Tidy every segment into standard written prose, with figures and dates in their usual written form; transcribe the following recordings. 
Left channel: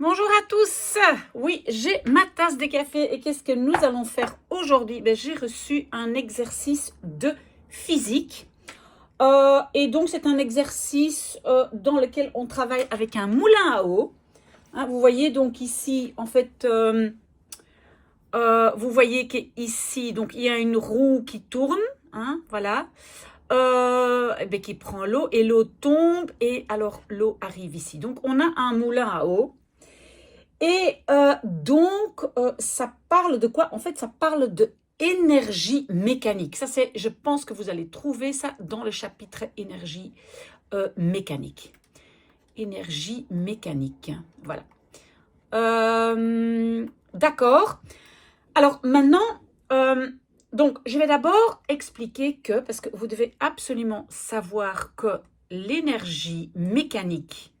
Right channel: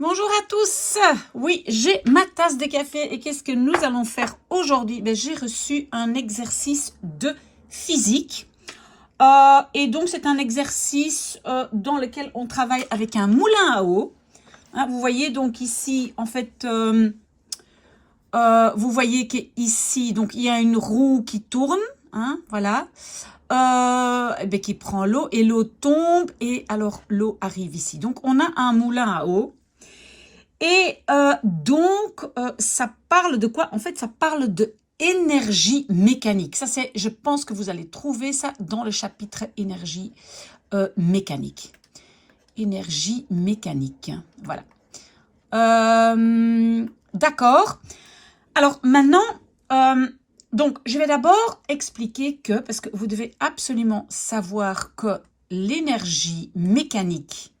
Bonjour à tous. Oui, j'ai ma tasse de café et qu'est-ce que nous allons faire aujourd'hui? J'ai reçu un exercice de physique et donc c'est un exercice dans lequel on travaille avec un moulin à eau. Hein, vous voyez donc ici, en fait, vous voyez qu'ici, donc il y a une roue qui tourne, hein, voilà, qui prend l'eau et l'eau tombe et alors l'eau arrive ici. Donc on a un moulin à eau. Et ça parle de quoi? En fait, ça parle de énergie mécanique. Ça, je pense que vous allez trouver ça dans le chapitre énergie mécanique. Énergie mécanique, voilà. D'accord. Alors maintenant, donc je vais d'abord expliquer que, parce que vous devez absolument savoir que l'énergie mécanique,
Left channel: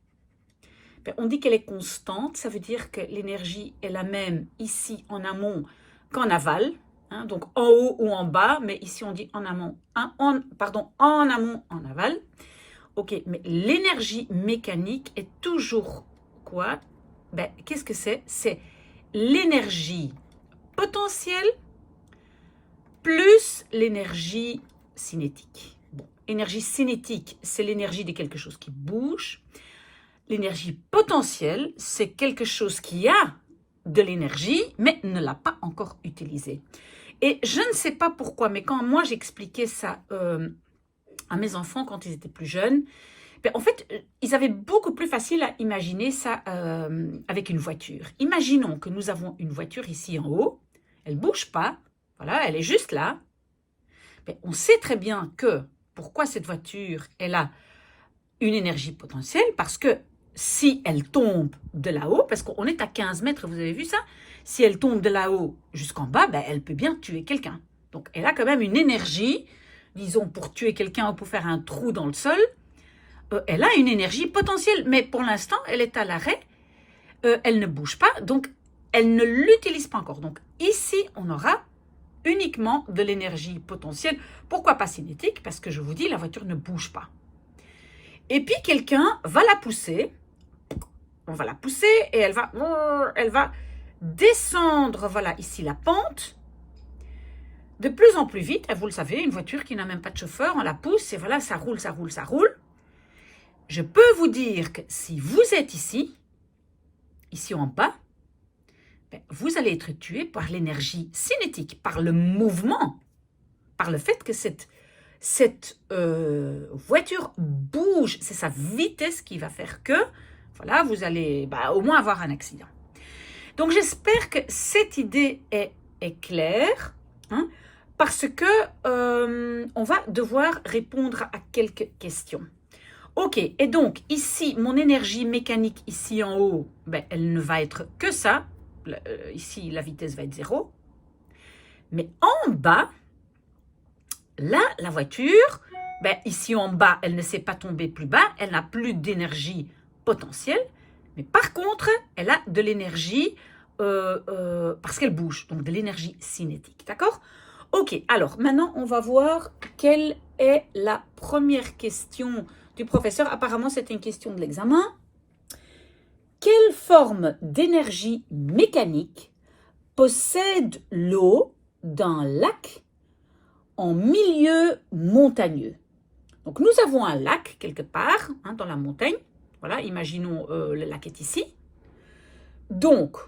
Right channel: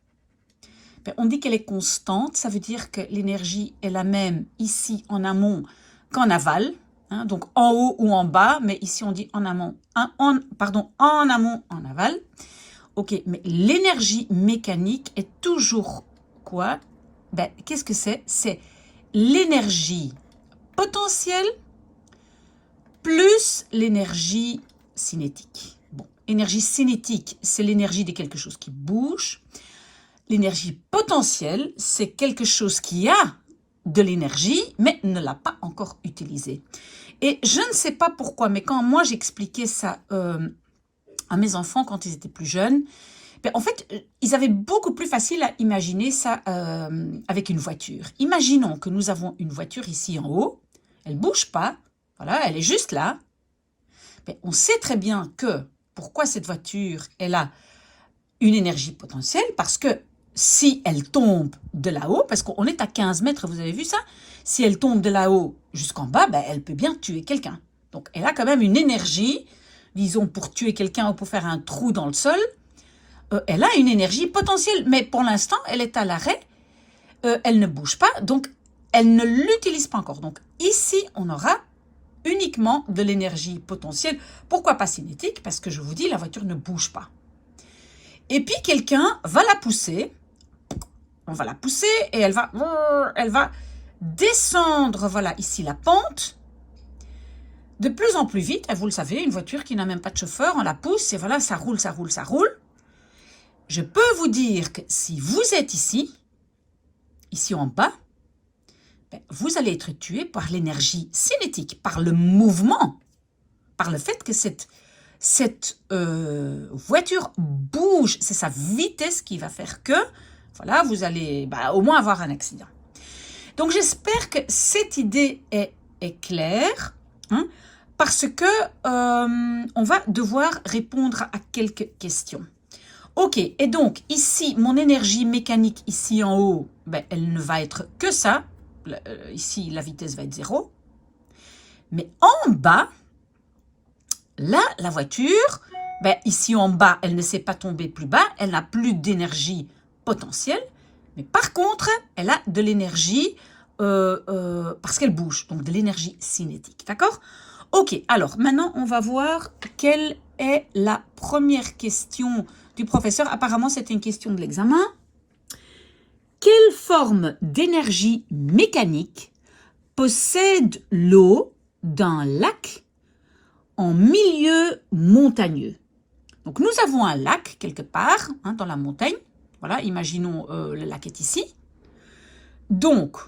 on dit qu'elle est constante, ça veut dire que l'énergie est la même ici en amont qu'en aval, hein, donc en haut ou en bas, mais ici on dit en amont, en amont, en aval. Ok, mais l'énergie mécanique est toujours quoi? Qu'est-ce que c'est? C'est l'énergie potentielle plus l'énergie cinétique. Bon, énergie cinétique, c'est l'énergie de quelque chose qui bouge. L'énergie potentielle, c'est quelque chose qui a de l'énergie, mais ne l'a pas encore utilisée. Et je ne sais pas pourquoi, mais quand moi j'expliquais ça à mes enfants quand ils étaient plus jeunes, en fait, ils avaient beaucoup plus facile à imaginer ça avec une voiture. Imaginons que nous avons une voiture ici en haut, elle ne bouge pas, voilà, elle est juste là. On sait très bien que, pourquoi cette voiture, elle a une énergie potentielle, parce que si elle tombe de là-haut, parce qu'on est à 15 mètres, vous avez vu ça? Si elle tombe de là-haut jusqu'en bas, elle peut bien tuer quelqu'un. Donc, elle a quand même une énergie, disons, pour tuer quelqu'un ou pour faire un trou dans le sol. Elle a une énergie potentielle, mais pour l'instant, elle est à l'arrêt. Elle ne bouge pas, donc elle ne l'utilise pas encore. Donc, ici, on aura uniquement de l'énergie potentielle. Pourquoi pas cinétique? Parce que je vous dis, la voiture ne bouge pas. Et puis, quelqu'un va la pousser. On va la pousser et elle va descendre, voilà, ici la pente, de plus en plus vite. Et vous le savez, une voiture qui n'a même pas de chauffeur, on la pousse et voilà, ça roule, ça roule, ça roule. Je peux vous dire que si vous êtes ici en bas, vous allez être tué par l'énergie cinétique, par le mouvement, par le fait que cette voiture bouge. C'est sa vitesse qui va faire que, voilà, vous allez au moins avoir un accident. Donc, j'espère que cette idée est claire, hein, parce que on va devoir répondre à quelques questions. Ok, et donc, ici, mon énergie mécanique, ici en haut, elle ne va être que ça. Ici, la vitesse va être 0. Mais en bas, là, la voiture, ici en bas, elle ne sait pas tomber plus bas, elle n'a plus d'énergie potentielle, mais par contre, elle a de l'énergie parce qu'elle bouge, donc de l'énergie cinétique, d'accord? Ok, alors maintenant, on va voir quelle est la première question du professeur. Apparemment, c'était une question de l'examen. Quelle forme d'énergie mécanique possède l'eau d'un lac en milieu montagneux? Donc, nous avons un lac quelque part, hein, dans la montagne. Voilà, imaginons le lac est ici. Donc,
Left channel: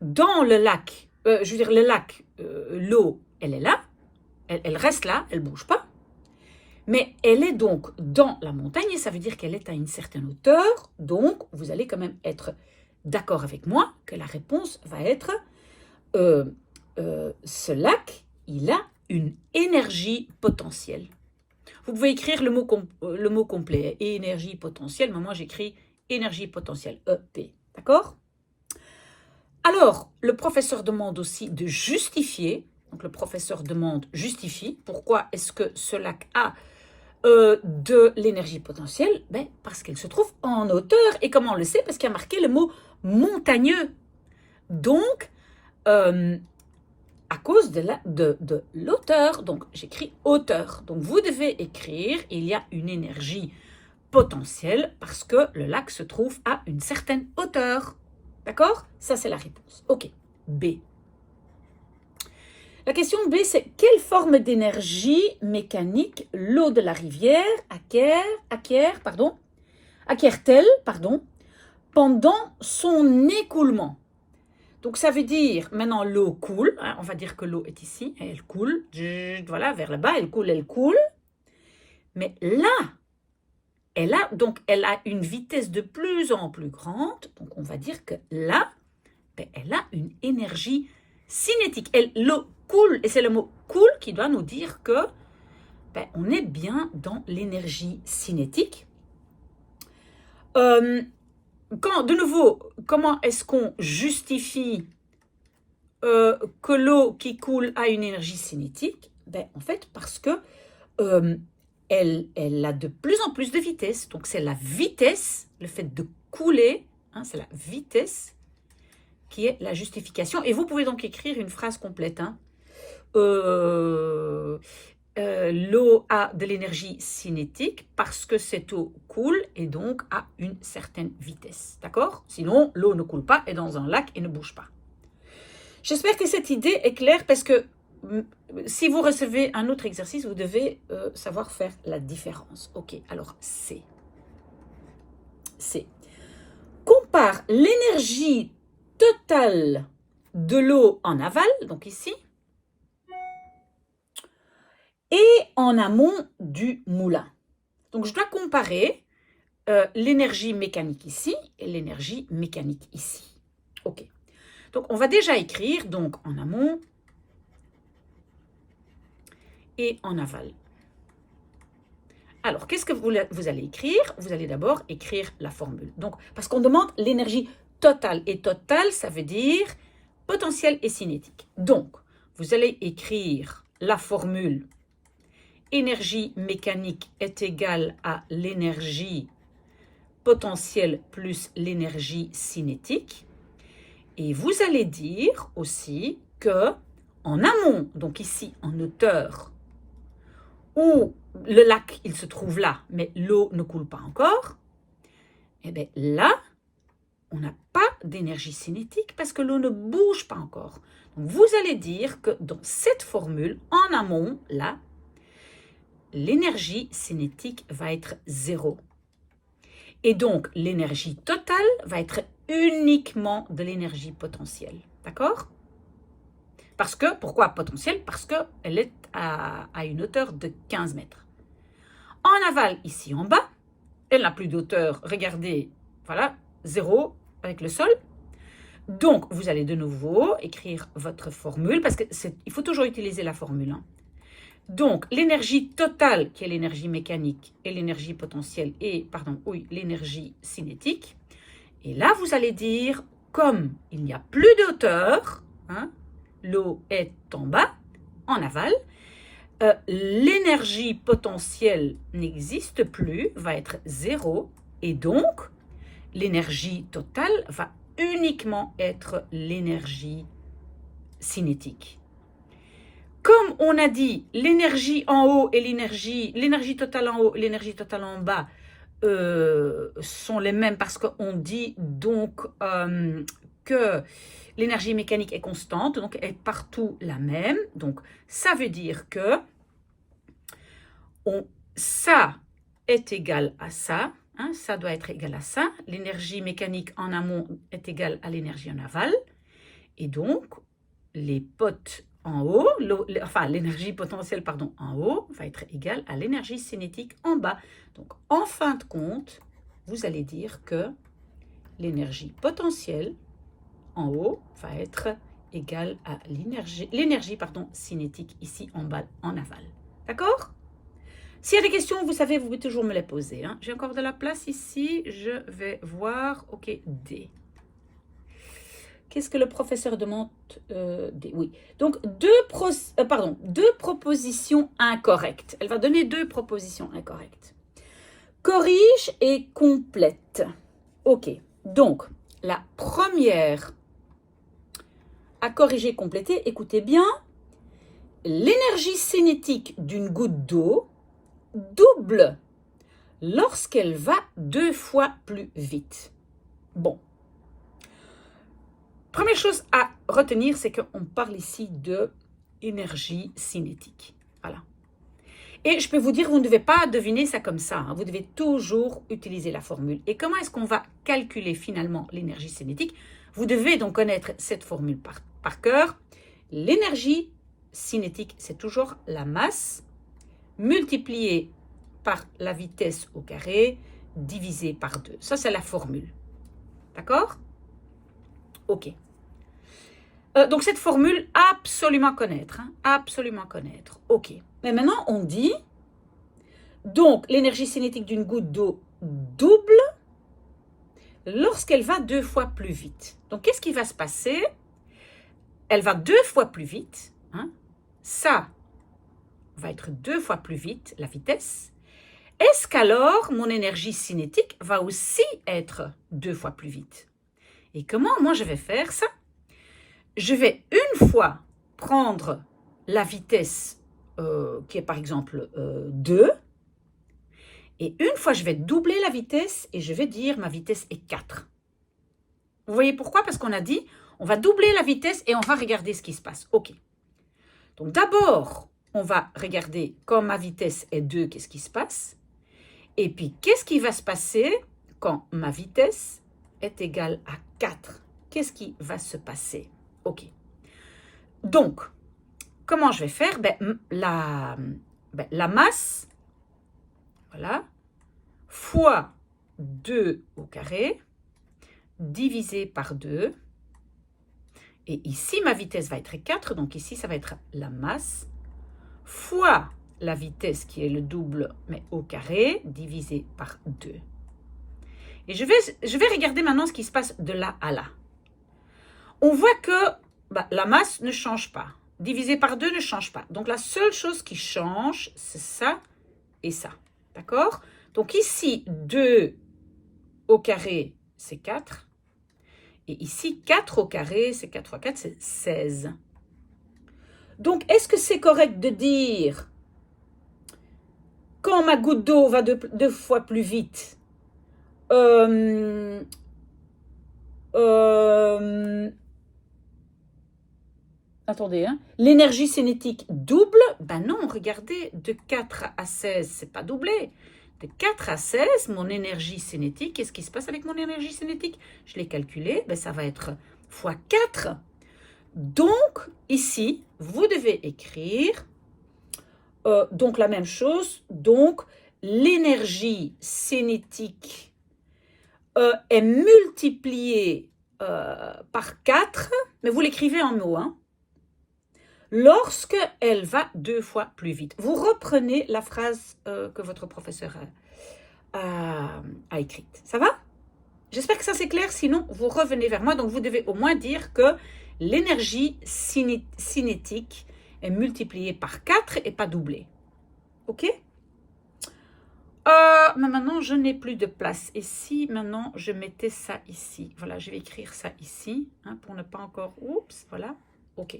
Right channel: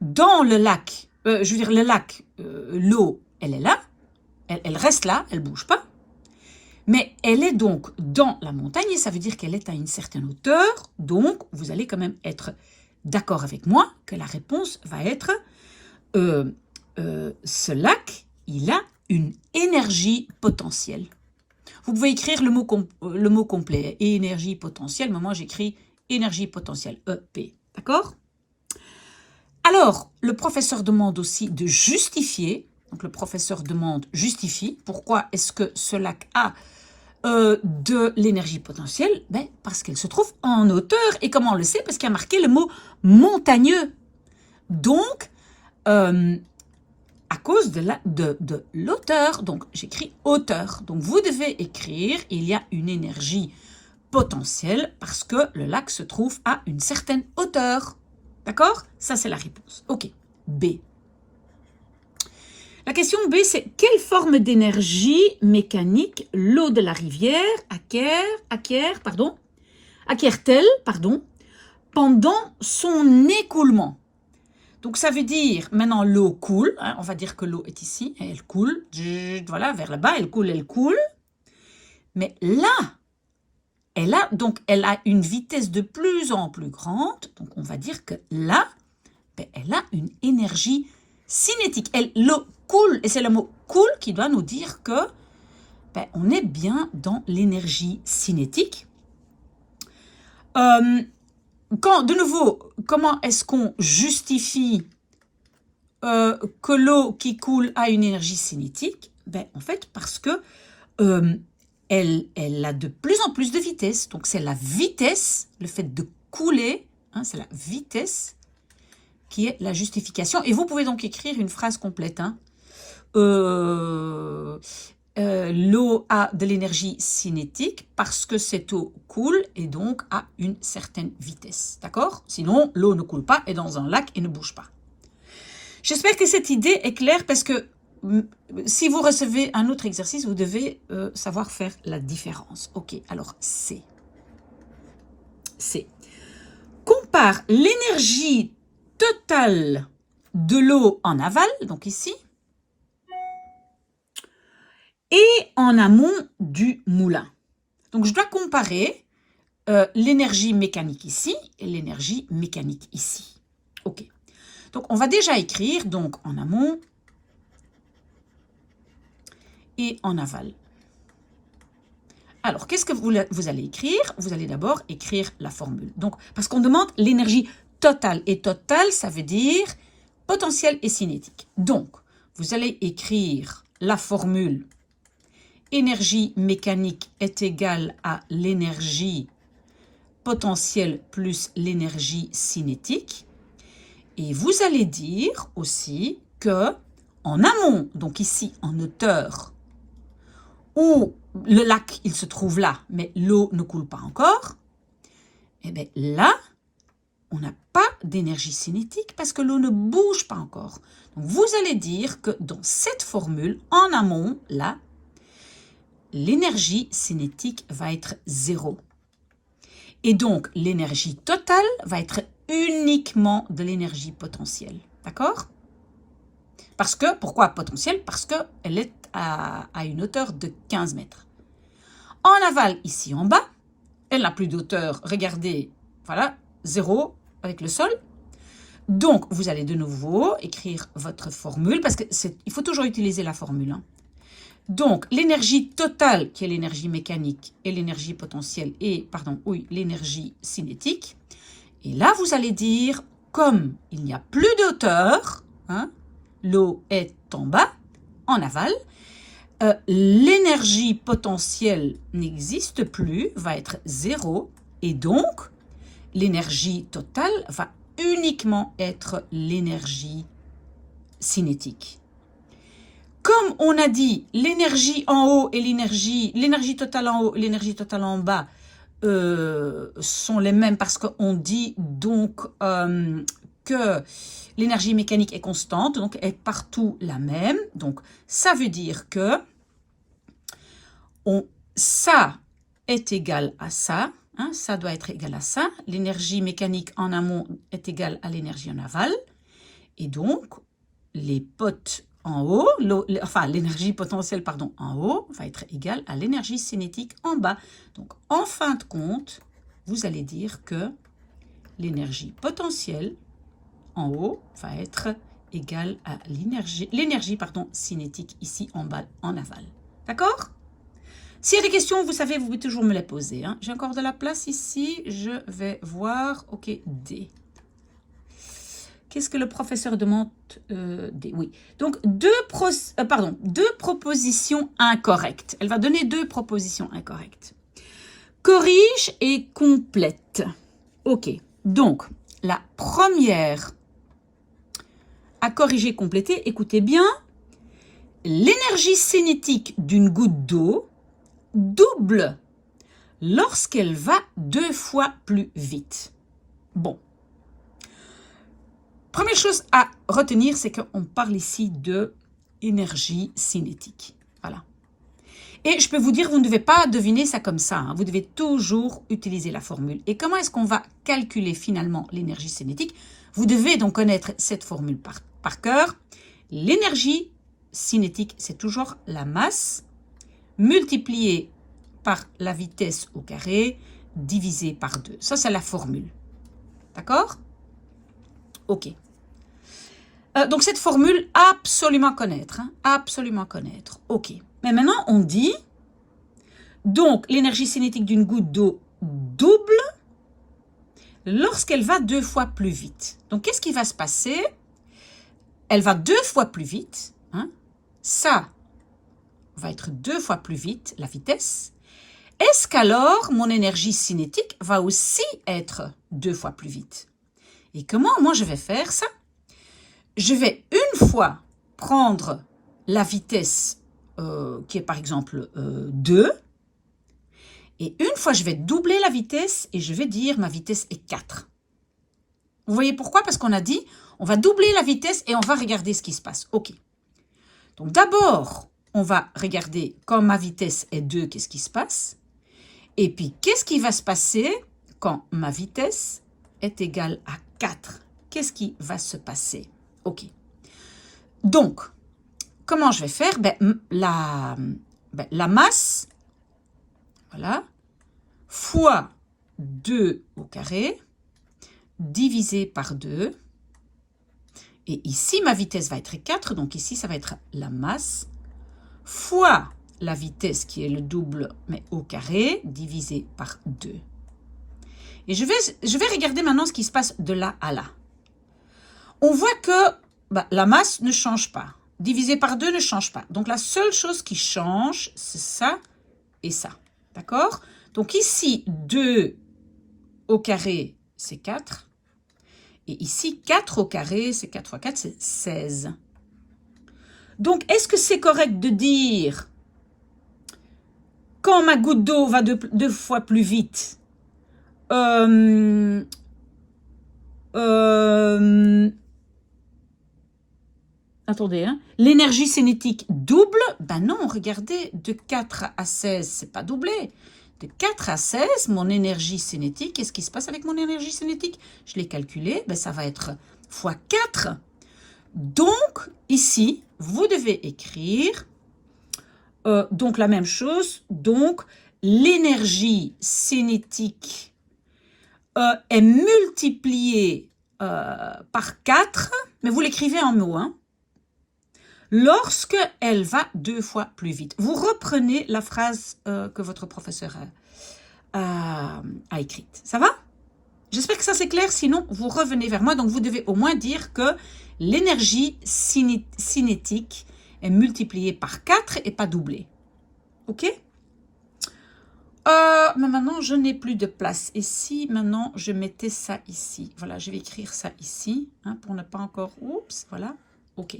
dans le lac, le lac, l'eau, elle est là. Elle reste là, elle ne bouge pas. Mais elle est donc dans la montagne et ça veut dire qu'elle est à une certaine hauteur. Donc, vous allez quand même être d'accord avec moi que la réponse va être ce lac, il a une énergie potentielle. Vous pouvez écrire le mot complet, énergie potentielle, mais moi j'écris énergie potentielle, EP, d'accord? Alors, le professeur demande aussi de justifier. Donc, le professeur demande justifie. Pourquoi est-ce que ce lac a de l'énergie potentielle? Parce qu'elle se trouve en hauteur. Et comment on le sait? Parce qu'il y a marqué le mot montagneux. Donc, à cause de l'hauteur, donc j'écris hauteur. Donc, vous devez écrire, il y a une énergie potentielle parce que le lac se trouve à une certaine hauteur. D'accord? Ça, c'est la réponse. OK. B. La question B, c'est quelle forme d'énergie mécanique l'eau de la rivière acquiert-elle pendant son écoulement? Donc, ça veut dire, maintenant, l'eau coule. Hein, on va dire que l'eau est ici. Elle coule. Voilà, vers le bas, elle coule, elle coule. Mais là, elle a une vitesse de plus en plus grande. Donc, on va dire que là, elle a une énergie cinétique. L'eau coule, et c'est le mot coule qui doit nous dire que on est bien dans l'énergie cinétique. De nouveau, comment est-ce qu'on justifie que l'eau qui coule a une énergie cinétique? En fait, parce que elle a de plus en plus de vitesse. Donc, c'est la vitesse, le fait de couler, hein, c'est la vitesse qui est la justification. Et vous pouvez donc écrire une phrase complète. Hein. L'eau a de l'énergie cinétique parce que cette eau coule et donc a une certaine vitesse. D'accord? Sinon, l'eau ne coule pas, est dans un lac et ne bouge pas. J'espère que cette idée est claire parce que si vous recevez un autre exercice, vous devez savoir faire la différence. Ok, alors C. C. Compare l'énergie totale de l'eau en aval, donc ici, et en amont du moulin. Donc, je dois comparer l'énergie mécanique ici et l'énergie mécanique ici. OK. Donc, on va déjà écrire donc en amont et en aval. Alors, qu'est-ce que vous allez écrire? Vous allez d'abord écrire la formule. Donc, parce qu'on demande l'énergie totale. Et totale, ça veut dire potentiel et cinétique. Donc, vous allez écrire la formule énergie mécanique est égale à l'énergie potentielle plus l'énergie cinétique. Et vous allez dire aussi que en amont, donc ici en hauteur, où le lac il se trouve là, mais l'eau ne coule pas encore, et bien là, on n'a pas d'énergie cinétique parce que l'eau ne bouge pas encore. Donc vous allez dire que dans cette formule, en amont, là, l'énergie cinétique va être 0. Et donc, l'énergie totale va être uniquement de l'énergie potentielle. D'accord? Parce que, pourquoi potentielle? Parce qu'elle est à une hauteur de 15 mètres. En aval, ici en bas, elle n'a plus d'auteur. Regardez, voilà, 0 avec le sol. Donc, vous allez de nouveau écrire votre formule, parce qu'il faut toujours utiliser la formule. Hein. Donc, l'énergie totale, qui est l'énergie mécanique, et l'énergie potentielle, l'énergie cinétique. Et là, vous allez dire, comme il n'y a plus d'auteur, hein, l'eau est en bas, en aval, l'énergie potentielle n'existe plus, va être 0, et donc, l'énergie totale va uniquement être l'énergie cinétique. Comme on a dit, l'énergie en haut et l'énergie totale en haut et l'énergie totale en bas sont les mêmes parce qu'on dit donc que l'énergie mécanique est constante, donc est partout la même. Donc, ça veut dire que ça est égal à ça. Hein, ça doit être égal à ça. L'énergie mécanique en amont est égale à l'énergie en aval. Et donc, les potes en haut, l'énergie potentielle en haut va être égale à l'énergie cinétique en bas. Donc, en fin de compte, vous allez dire que l'énergie potentielle en haut va être égale à l'énergie cinétique ici en bas, en aval. D'accord? S'il y a des questions, vous savez, vous pouvez toujours me les poser. Hein. J'ai encore de la place ici. Je vais voir. OK, D. Qu'est-ce que le professeur demande? Oui. Donc, deux propositions incorrectes. Elle va donner 2 propositions incorrectes. Corrige et complète. OK. Donc, la première à corriger, compléter, écoutez bien. L'énergie cinétique d'une goutte d'eau double lorsqu'elle va 2 fois plus vite. Bon. première chose à retenir, c'est qu'on parle ici de énergie cinétique. Voilà. Et je peux vous dire, vous ne devez pas deviner ça comme ça. Hein. Vous devez toujours utiliser la formule. Et comment est-ce qu'on va calculer finalement l'énergie cinétique? Vous devez donc connaître cette formule par cœur. L'énergie cinétique, c'est toujours la masse multipliée par la vitesse au carré divisé par 2. Ça, c'est la formule. D'accord? OK. Donc, cette formule, absolument connaître. Hein, absolument connaître. OK. Mais maintenant, on dit, donc, l'énergie cinétique d'une goutte d'eau double lorsqu'elle va 2 fois plus vite. Donc, qu'est-ce qui va se passer? Elle va 2 fois plus vite. Hein? Ça va être 2 fois plus vite, la vitesse. Est-ce qu'alors, mon énergie cinétique va aussi être 2 fois plus vite? Et comment moi je vais faire ça? Je vais une fois prendre la vitesse qui est par exemple 2, et une fois je vais doubler la vitesse et je vais dire ma vitesse est 4. Vous voyez pourquoi? Parce qu'on a dit on va doubler la vitesse et on va regarder ce qui se passe. OK. Donc d'abord, on va regarder quand ma vitesse est 2, qu'est-ce qui se passe? Et puis, qu'est-ce qui va se passer quand ma vitesse est égale à 4? Qu'est-ce qui va se passer? OK. Donc, comment je vais faire? La masse, voilà, fois 2 au carré, divisé par 2. Et ici, ma vitesse va être 4, donc ici, ça va être la masse, fois la vitesse qui est le double, mais au carré, divisé par 2. Et je vais regarder maintenant ce qui se passe de là à là. On voit que la masse ne change pas. Divisé par 2 ne change pas. Donc, la seule chose qui change, c'est ça et ça. D'accord? Donc, ici, 2 au carré, c'est 4. Et ici, 4 au carré, c'est 4 fois 4, c'est 16. Donc, est-ce que c'est correct de dire, quand ma goutte d'eau va 2 fois plus vite, attendez, hein, l'énergie cinétique double? Ben non, regardez, de 4 à 16, c'est pas doublé. De 4 à 16, mon énergie cinétique, qu'est-ce qui se passe avec mon énergie cinétique? Je l'ai calculé, ben ça va être fois 4. Donc, ici, vous devez écrire, donc la même chose, donc l'énergie cinétique est multipliée par 4, mais vous l'écrivez en mots, hein, lorsque elle va 2 fois plus vite. Vous reprenez la phrase que votre professeur a écrite. Ça va? J'espère que ça c'est clair, sinon vous revenez vers moi. Donc vous devez au moins dire que l'énergie cinétique est multipliée par 4 et pas doublée. OK? Mais maintenant, je n'ai plus de place. Et si maintenant, je mettais ça ici? Voilà, je vais écrire ça ici, hein, pour ne pas encore... Oups, voilà. OK.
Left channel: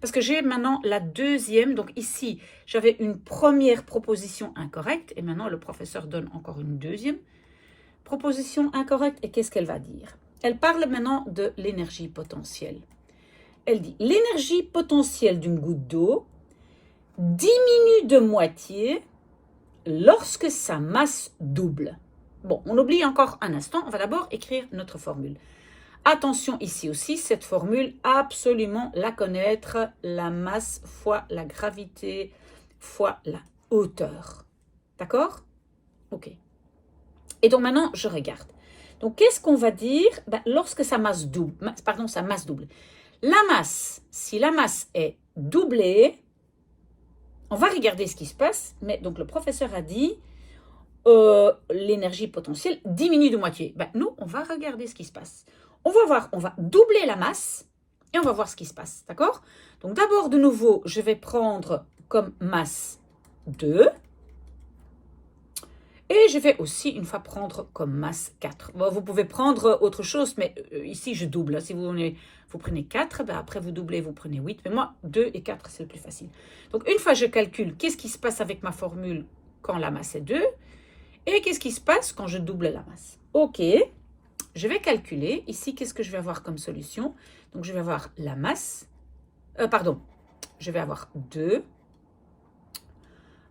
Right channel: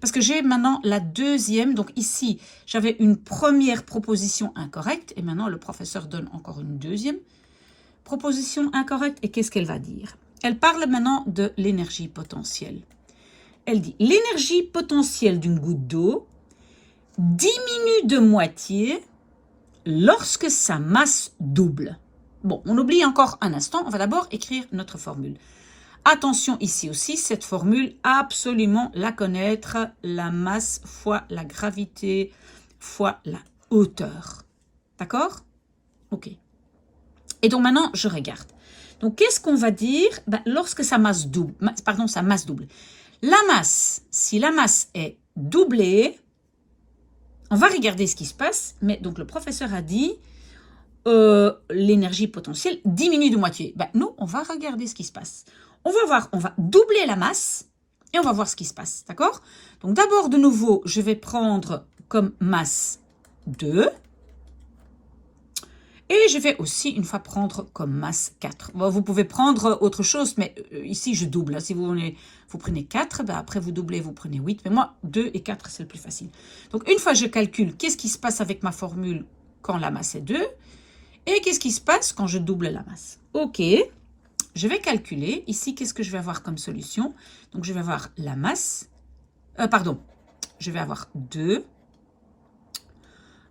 Parce que j'ai maintenant la deuxième. Donc ici, j'avais une première proposition incorrecte. Et maintenant, le professeur donne encore une deuxième proposition incorrecte. Et qu'est-ce qu'elle va dire? Elle parle maintenant de l'énergie potentielle. Elle dit, l'énergie potentielle d'une goutte d'eau diminue de moitié lorsque sa masse double. Bon, on oublie encore un instant. On va d'abord écrire notre formule. Attention ici aussi, cette formule, absolument la connaître. La masse fois la gravité fois la hauteur. D'accord? OK. Et donc maintenant, je regarde. Donc, qu'est-ce qu'on va dire? Lorsque sa masse double. Sa masse double. La masse, si la masse est doublée, on va regarder ce qui se passe. Mais donc, le professeur a dit l'énergie potentielle diminue de moitié. Nous, on va regarder ce qui se passe. On va voir, on va doubler la masse et on va voir ce qui se passe. D'accord? Donc, d'abord, de nouveau, je vais prendre comme masse 2. Et je vais aussi, une fois, prendre comme masse 4. Bon, vous pouvez prendre autre chose, mais ici, je double. Si vous prenez 4, après, vous doublez, vous prenez 8. Mais moi, 2 et 4, c'est le plus facile. Donc, une fois, je calcule qu'est-ce qui se passe avec ma formule quand la masse est 2 et qu'est-ce qui se passe quand je double la masse. OK. je vais calculer. Ici, qu'est-ce que je vais avoir comme solution? Donc, je vais avoir la masse. Pardon, je vais avoir 2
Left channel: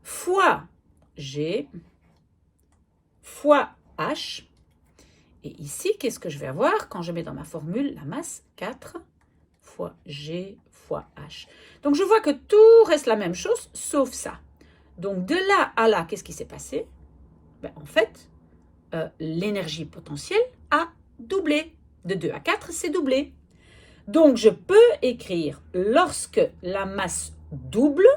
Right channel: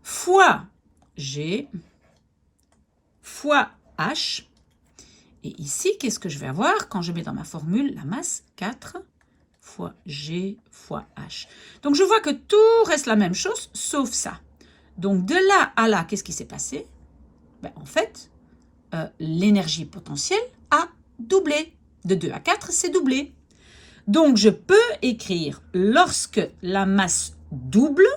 fois G fois H. Et ici, qu'est-ce que je vais avoir quand je mets dans ma formule la masse? 4 fois G fois H. Donc, je vois que tout reste la même chose, sauf ça. Donc, de là à là, qu'est-ce qui s'est passé? Ben, en fait, l'énergie potentielle a doublé. De 2 à 4, c'est doublé. Donc, je peux écrire, lorsque la masse double,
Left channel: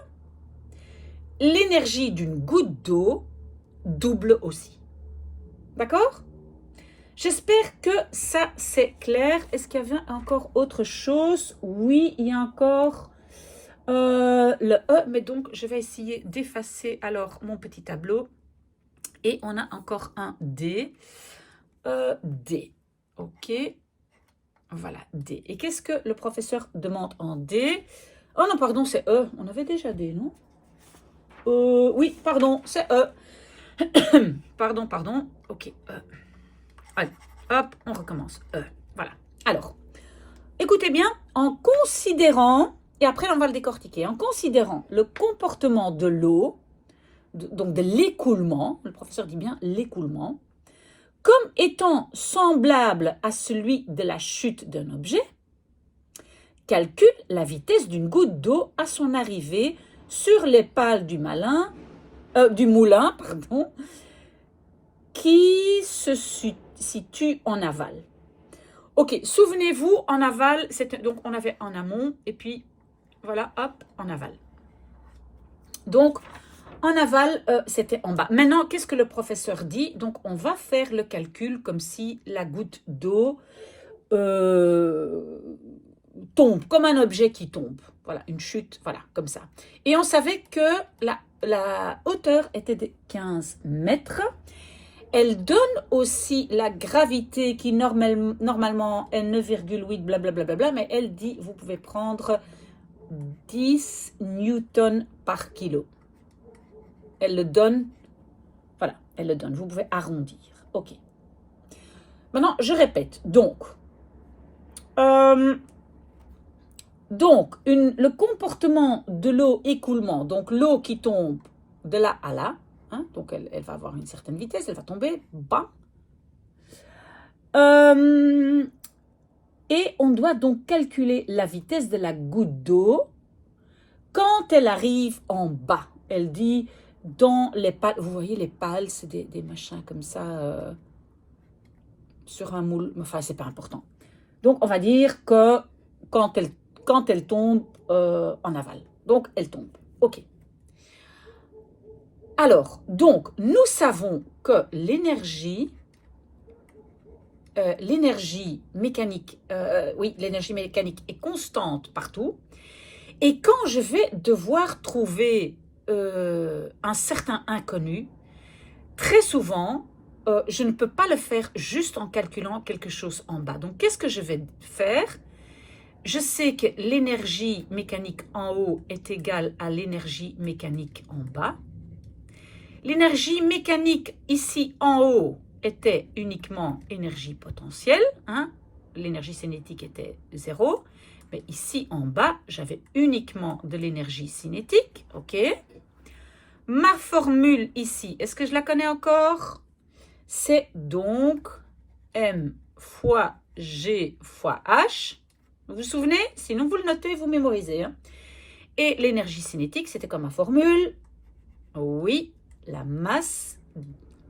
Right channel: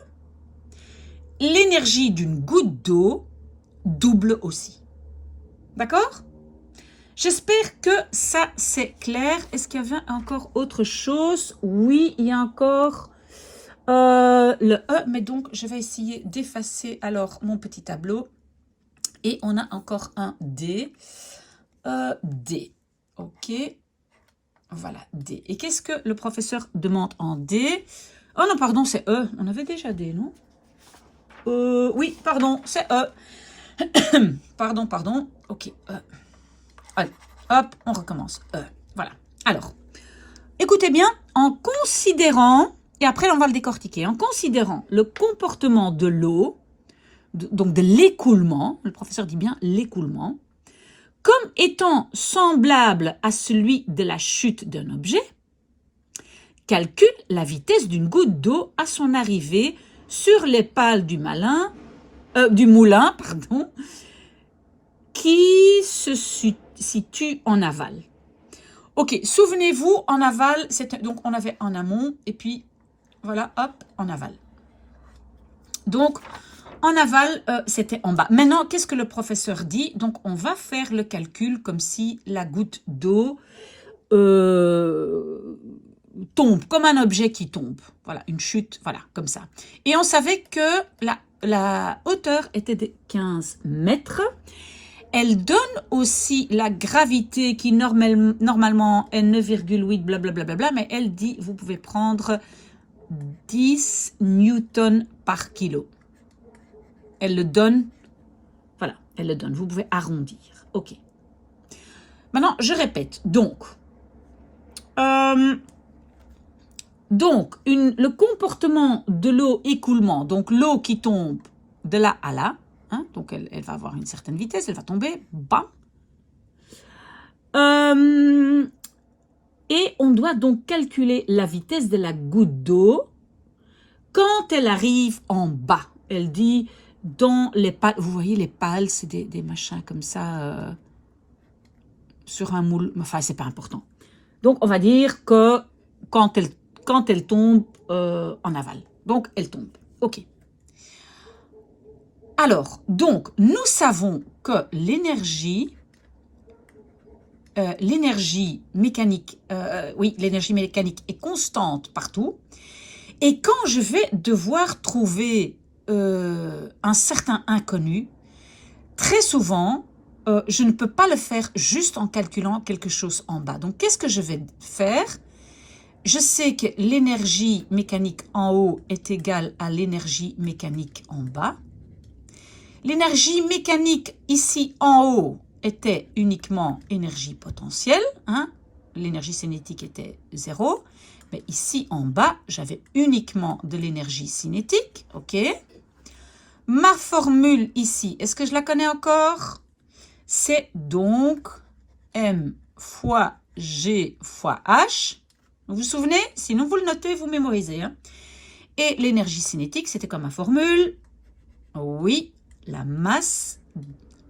l'énergie d'une goutte d'eau double aussi. D'accord? J'espère que ça, c'est clair. Est-ce qu'il y avait encore autre chose? Oui, il y a encore le E, mais donc je vais essayer d'effacer alors mon petit tableau. Et on a encore un D. D. OK. Voilà, D. Et qu'est-ce que le professeur demande en D? Oh non, pardon, c'est E. On avait déjà D, non? Oui, pardon, c'est E. Pardon. OK. Allez, hop, on recommence. Voilà. Alors, écoutez bien, en considérant, et après on va le décortiquer, en considérant le comportement de l'eau, donc de l'écoulement, le professeur dit bien l'écoulement, comme étant semblable à celui de la chute d'un objet, calcule la vitesse d'une goutte d'eau à son arrivée sur les pales du moulin, qui se situe en aval. Ok, souvenez-vous, en aval, donc on avait en amont, et puis voilà, hop, en aval. Donc, en aval, c'était en bas. Maintenant, qu'est-ce que le professeur dit? Donc, on va faire le calcul comme si la goutte d'eau tombe, comme un objet qui tombe. Voilà, une chute, voilà, comme ça. Et on savait que la hauteur était de 15 mètres. Elle donne aussi la gravité qui normalement est 9,8 blablabla, mais elle dit, vous pouvez prendre 10 newtons par kilo. Elle le donne, voilà, elle le donne. Vous pouvez arrondir. OK. Maintenant, je répète. Donc, le comportement de l'eau écoulement, donc l'eau qui tombe de là à là, hein, donc elle va avoir une certaine vitesse, elle va tomber bas. Et on doit donc calculer la vitesse de la goutte d'eau quand elle arrive en bas. Elle dit dans les pales, vous voyez les pales, c'est des machins comme ça sur un moule, enfin c'est pas important. Donc on va dire que quand elle tombe en aval, donc elle tombe. OK. Alors, donc nous savons que l'énergie mécanique, l'énergie mécanique est constante partout. Et quand je vais devoir trouver un certain inconnu, très souvent, je ne peux pas le faire juste en calculant quelque chose en bas. Donc, qu'est-ce que je vais faire? Je sais que l'énergie mécanique en haut est égale à l'énergie mécanique en bas. L'énergie mécanique ici en haut était uniquement énergie potentielle. Hein? L'énergie cinétique était 0. Mais ici en bas, j'avais uniquement de l'énergie cinétique. OK. Ma formule ici, est-ce que je la connais encore? C'est donc M fois G fois H. Vous vous souvenez? Sinon, vous le notez, vous mémorisez. Hein? Et l'énergie cinétique, c'était comme ma formule. Oui, la masse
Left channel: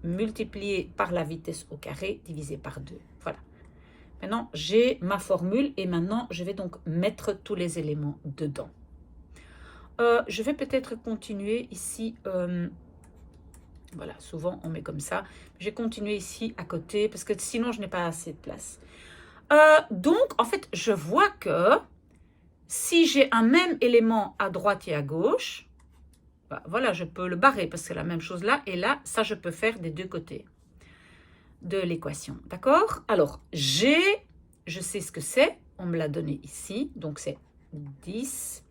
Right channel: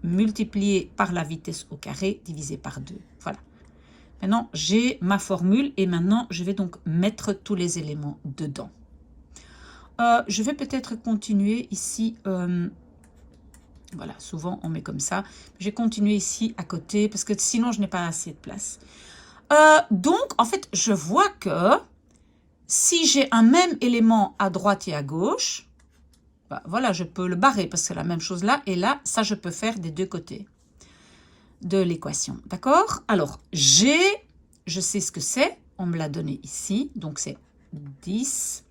multipliée par la vitesse au carré divisé par 2. Voilà. Maintenant, j'ai ma formule et maintenant, je vais donc mettre tous les éléments dedans. Je vais peut-être continuer ici. Voilà, souvent, on met comme ça. Je vais continuer ici à côté parce que sinon, je n'ai pas assez de place. Donc, en fait, je vois que si j'ai un même élément à droite et à gauche, bah, voilà, je peux le barrer parce que c'est la même chose là. Et là, ça, je peux faire des deux côtés de l'équation. D'accord? Alors, G, je sais ce que c'est. On me l'a donné ici. Donc, c'est 10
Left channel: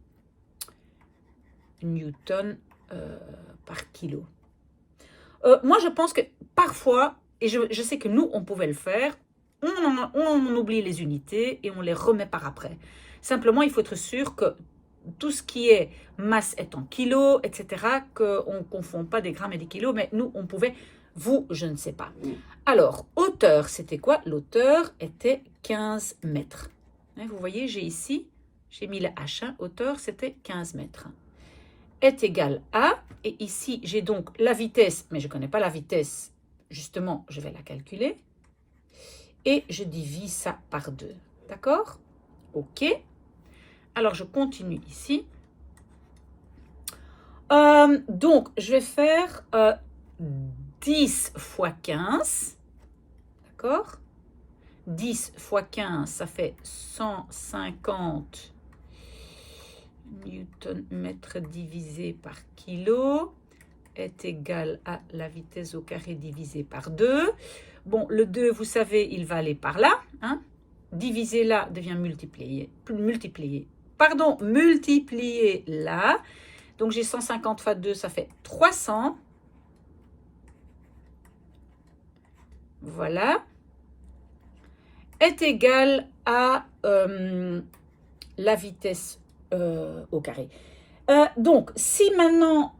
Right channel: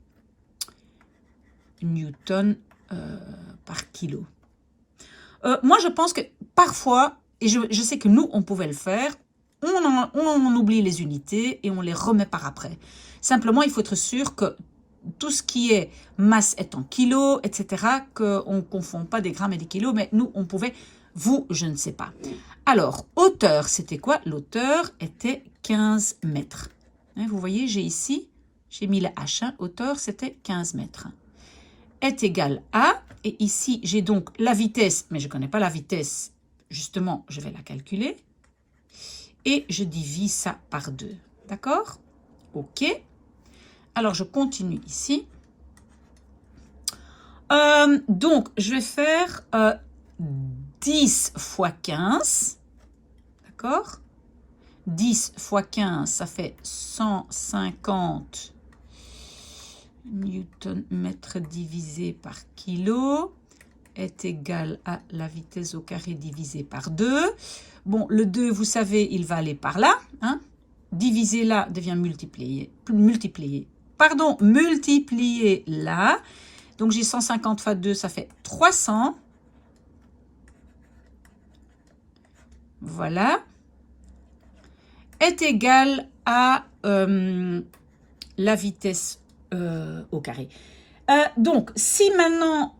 newtons par kilo. Moi, je pense que parfois, et je sais que nous, on pouvait le faire, on oublie les unités et on les remet par après. Simplement, il faut être sûr que tout ce qui est masse est en kilos, etc., qu'on ne confond pas des grammes et des kilos, mais nous, on pouvait, vous, je ne sais pas. Alors, hauteur, c'était quoi? L'hauteur était 15 mètres. Vous voyez, j'ai mis la H1, hauteur, c'était 15 mètres. Est égal à, et ici, j'ai donc la vitesse, mais je ne connais pas la vitesse, justement, je vais la calculer, et je divise ça par 2. D'accord? OK. Alors, je continue ici. Donc, je vais faire 10 fois 15. D'accord? 10 fois 15, ça fait 150 Newton-mètre divisé par kilo est égal à la vitesse au carré divisé par 2. Bon, le 2, vous savez, il va aller par là. Hein? Diviser là devient multiplier là. Donc, j'ai 150 fois 2, ça fait 300. Voilà. Est égal à la vitesse au carré. Donc, si maintenant,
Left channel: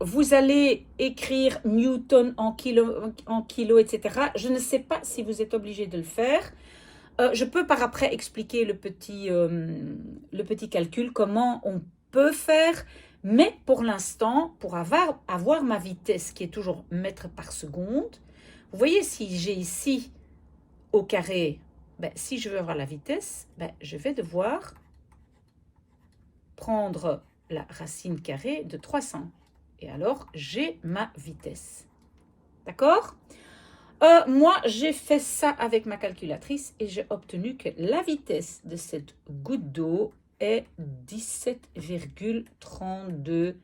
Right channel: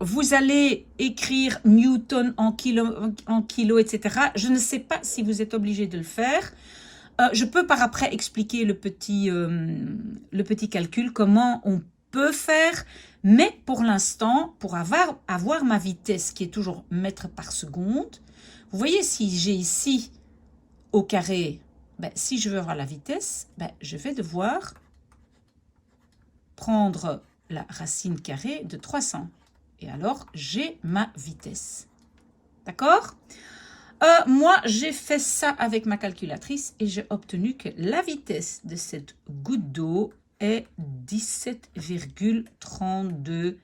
vous allez écrire Newton en kilo, etc., je ne sais pas si vous êtes obligé de le faire. Je peux par après expliquer le petit calcul, comment on peut faire, mais pour l'instant, pour avoir ma vitesse qui est toujours mètres par seconde, vous voyez, si j'ai ici au carré, ben, si je veux avoir la vitesse, ben, je vais devoir prendre la racine carrée de 300. Et alors, j'ai ma vitesse. D'accord? Moi, j'ai fait ça avec ma calculatrice et j'ai obtenu que la vitesse de cette goutte d'eau est 17,32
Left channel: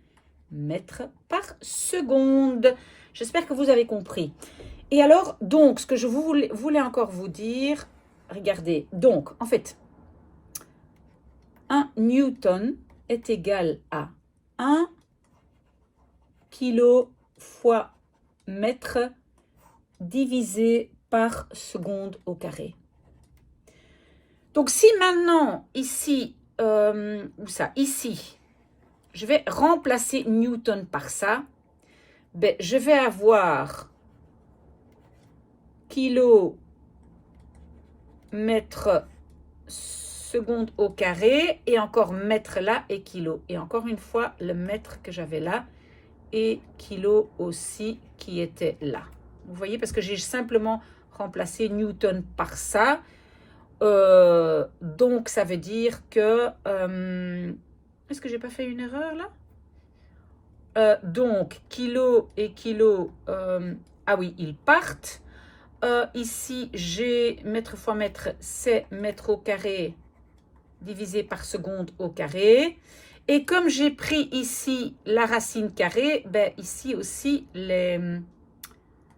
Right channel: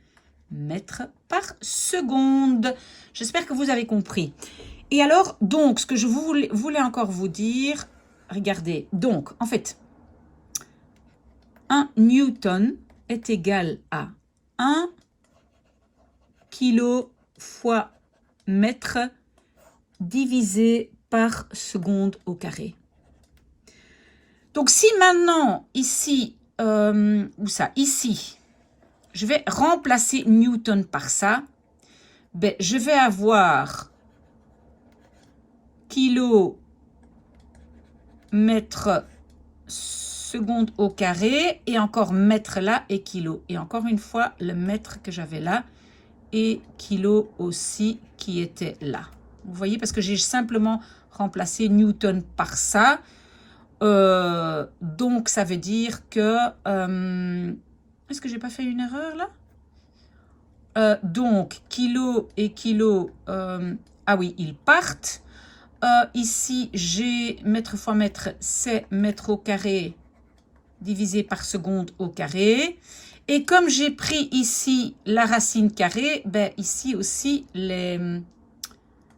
mètres par seconde. J'espère que vous avez compris. Et alors, donc, ce que je voulais encore vous dire, regardez, donc, en fait, 1 Newton est égal à 1 kilo fois mètre divisé par seconde au carré. Donc, si maintenant, ici, ici, je vais remplacer Newton par ça, ben, je vais avoir kilo mètre seconde au carré et encore mètre là et kilo. Et encore une fois, le mètre que j'avais là et kilo aussi qui était là. Vous voyez, parce que j'ai simplement remplacé Newton par ça. Donc, ça veut dire que... est-ce que j'ai pas fait une erreur là? Donc, kilo et kilo... ah oui, ils partent. Ici, j'ai mètre fois mètre, c'est mètre au carré divisé par seconde au carré. Et comme j'ai pris ici la racine carrée, ben ici aussi,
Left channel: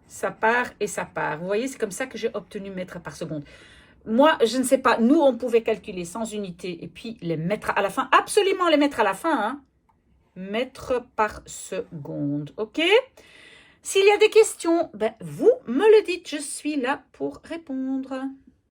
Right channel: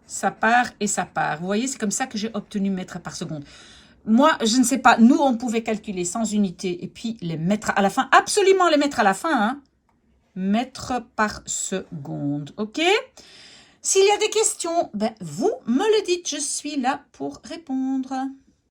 ça part et ça part. Vous voyez, c'est comme ça que j'ai obtenu mètres par seconde. Moi, je ne sais pas. Nous, on pouvait calculer sans unité et puis les mettre à la fin. Absolument les mettre à la fin. Hein. Mètres par seconde. OK? S'il y a des questions, ben, vous me le dites. Je suis là pour répondre.